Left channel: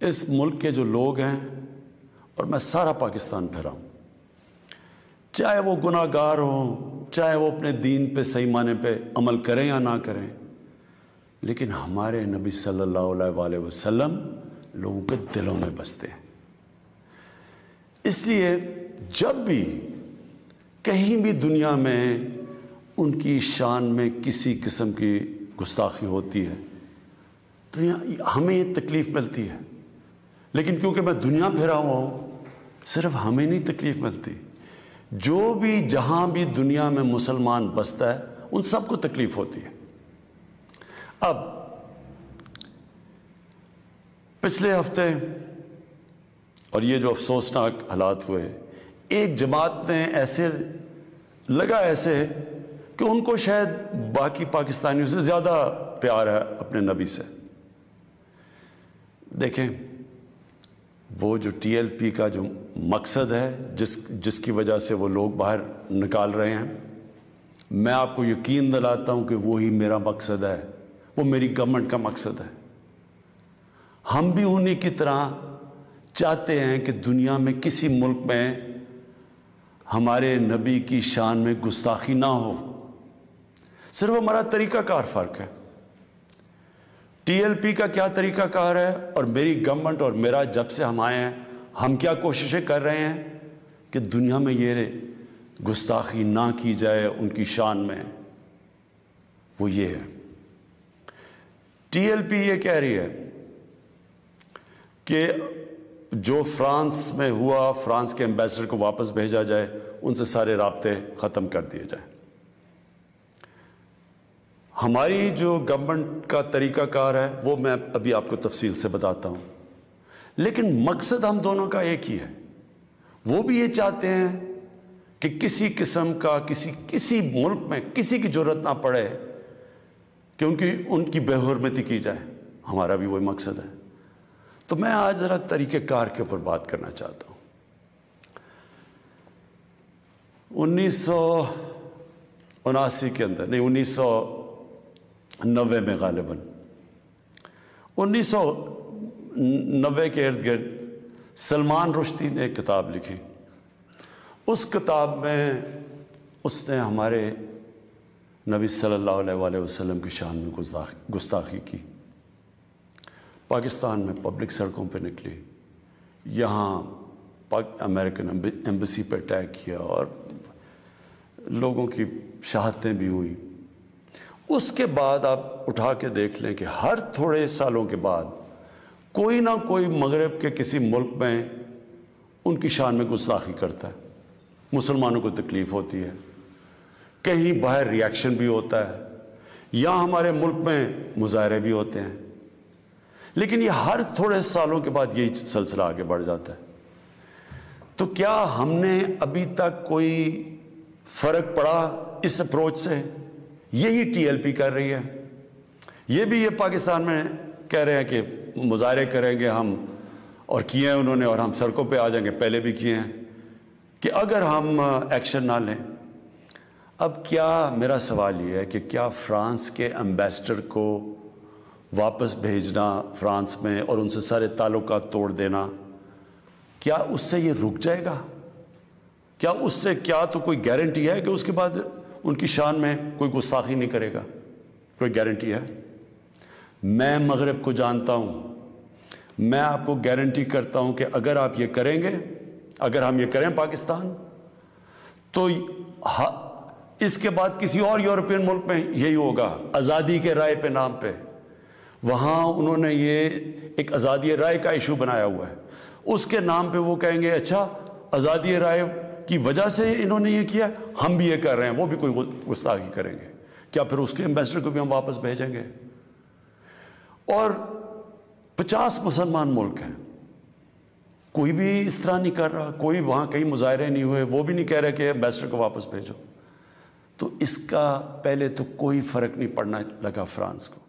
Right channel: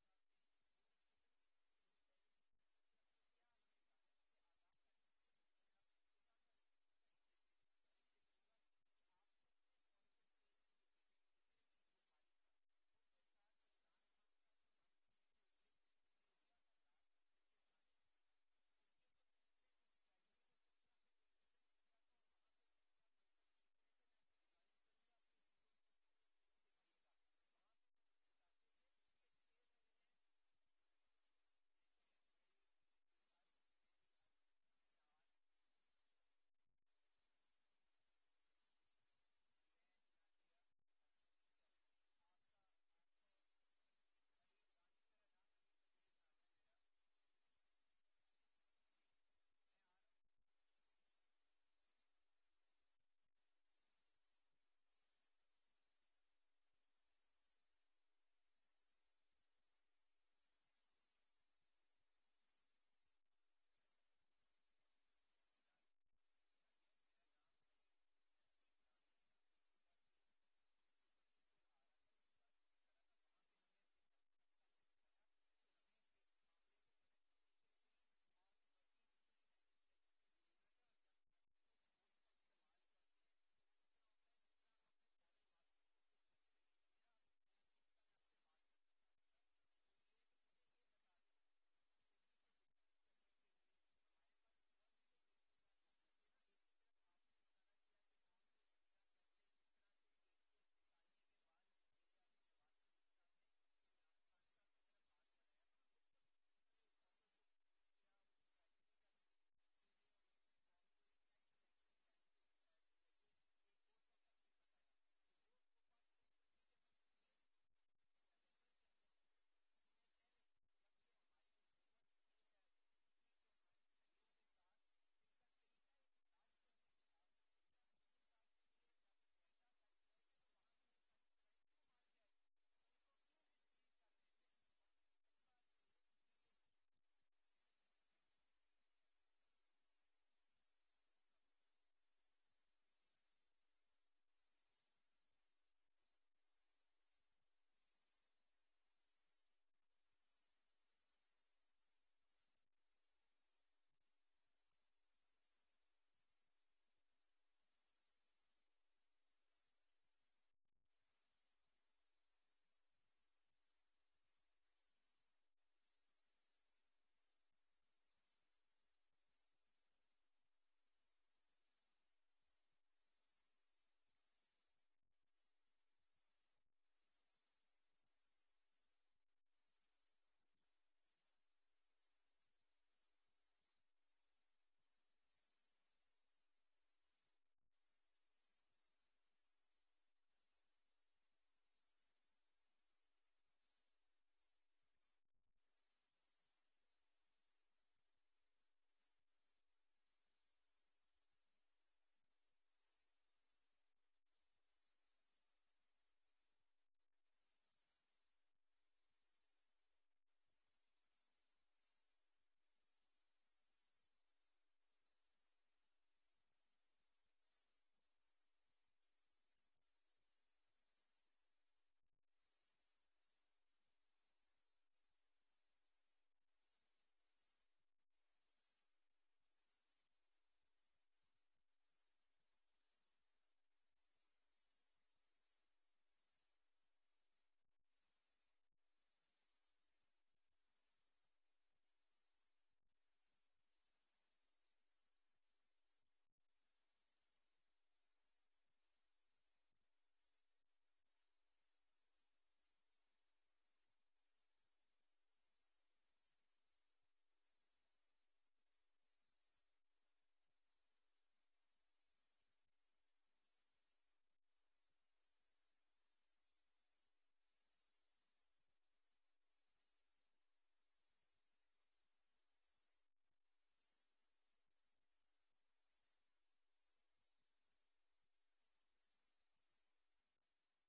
اس ملک کے جو لوگ ہیں، اور میں سارا پاکستان پھرا ہوں، چاہے وہ گناہ گار ہوں، چاہے وہ اپنے دین پہ صحیح معنی پہ عمل کریں یا نہ کریں، لیکن ہمارے نبی صلی اللہ علیہ وآلہ وسلم لوگوں کے دلوں میں بستے ہیں۔ اس لیے جب بھی کہیں بھی دنیا میں ان کی شان میں کسی قسم کی گستاخی ہوتی ہے تو ہمیں یہ تکلیف ملتی ہے، لیکن کیونکہ میں دنیا پھرا ہوا ہوں، صرف ہمیں نہیں تکلیف ملتی، جو بھی جہاں بھی دنیا میں مسلمان بستا ہے ان سب کو تکلیف ہوتی ہے۔ اب پچھلے ہفتے اور یہ جو افسوسناک حالات ہوئے، ایک جماعت نے ایسے کہ ان کو شاید باقی پاکستانیوں سے زیادہ پیار ہے اپنے نبی سے۔ دیکھیں، وہ جو ٹی ایل پی کا جو مقصد ہے، جس کی وجہ سے وہ لوگ باہر نکال رہے ہیں، میں آپ کو یقین دلاتا ہوں کہ وہی میرا مقصد ہے، وہ میری گورنمنٹ کا مقصد ہے۔ ہم بھی انہی کی طرح چاہتے ہیں کہ دنیا میں کسی ملک میں ہمارے نبی کی شان میں گستاخی نہ ہو، صرف ہمارا طریقہ کار فرق ہے۔ ٹی ایل پی کا کیا طریقہ کار ہے اور میری گورنمنٹ اور میرا جب سے ہم آئے ہیں، ہم کیا کوششیں کر رہے ہیں کہ دنیا میں یہ گستاخی نہ کی جائے ان کی شان میں، وہ یہ ہے۔ ٹی ایل پی یہ کہہ رہی ہے کہ جو فرانس میں ہوا، فرانس کے ایمبیسڈر کو واپس بھیجا جائے، ان سے سارے رابطے ختم کر دیے جائیں۔ ہماری جو گورنمنٹ کا طریقہ کار ہے وہ میں ابھی آپ کو تفصیل سے بتاتا ہوں، لیکن مقصد ہم دونوں کا ایک ہی ہے۔ وہ بھی یہ چاہتے ہیں کہ کسی قسم کا کسی ملک میں کسی کی ضرورت نہ پڑے کہ ان کی بے حرمتی کی جائے، ہمارا بھی وہی مقصد ہے۔ تو میں آج ذرا طریقہ کار کے اوپر بات کرنا چاہتا ہوں۔ 1979 کے اندر، نہیں 1990 میں غالباً 1990 کے ارد گرد سلمان رشدی نے ایک کتاب لکھی۔ اس کتاب میں اس نے ہمارے نبی صلی اللہ علیہ وآلہ وسلم کی شان میں گستاخی کی۔ پاکستان میں پبلک سڑکوں پہ نکلی، یہاں امریکن ایمبیسی پہ اٹیک کیا اور لوگوں کی شہادتیں بھی ہوئی۔ اس کے بعد آپ اٹھا کے دیکھ لیں کہ ہر تھوڑے سالوں کے بعد کوئی نہ کوئی مغرب کے کسی ملک میں ان کی شان میں گستاخی کرتا ہے، مسلمانوں کو تکلیف ہوتی ہے، کہیں باہر ریاکشن بھی ہوتا ہے، یا ہمارے ملک میں مظاہرے بھی ہوتے ہیں، لیکن یہ ہر تھوڑے سالوں کے بعد یہی سلسلہ آگے بڑھ جاتا ہے۔ تو کیا ہم نے ابھی تک کوئی فرق پڑا اس اپروچ سے؟ یہی ٹی ایل پی کر رہی ہے۔ یہ بھی یہ پاکستان میں کہہ رہے ہیں کہ مظاہرے کریں گے ہم، اور کیے ہیں انہوں نے، اور ہم سڑکوں پہ آ جائیں گے، پہلے بھی کیے ہیں، کہ اگر ہم ایکشن نہ لیں۔ اب کیا میرا سوال یہ ہے کہ کیا فرانس کے ایمبیسڈر کو واپس بھیجنا فرانس میں اور ان سے سارے تعلقات توڑ دینا، کیا اس سے یہ رک جائے گا؟ کیا اس سے تو کوئی گارنٹی ہے کہ اس کے بعد ان کی شان میں کوئی گستاخی نہیں کرے گا؟ کوئی گارنٹی ہے؟ میں مغرب کو جانتا ہوں، میں آپ کو گارنٹی کرتا ہوں کہ اگر آپ یہ کریں گے، اگر ہم یہ کریں پاکستان، تو اس کے بعد کسی اور یورپین ملک میں یہی ہوگا، آزادی کے رائے پہ نام پہ۔ وہاں انہوں نے یہ ایک آزادی رائے کا ایشو بنایا ہوا ہے، اس کے نام پہ وہ کہیں گے اچھا آزادی رائے کی وجہ سے انہوں نے یہ کیا، ہم بھی یہ کر رہے ہیں، وہ بھی کوئی گستاخی کریں گے، کیا پھر اس کے ایمبیسڈر کو بھی ہم واپس بھیجیں گے؟ اور 50 مسلمان ملک ہیں، کوئی بھی اس طرح نہیں کر رہا، کوئی وہاں کہیں مظاہرے نہیں ہوئے، وہ بھی نہیں کہہ رہے کہ ایمبیسڈر کو واپس بھیجو۔ تو اس کا پہلے تو کوئی فرق نہیں پڑنا لگا فرانس کو۔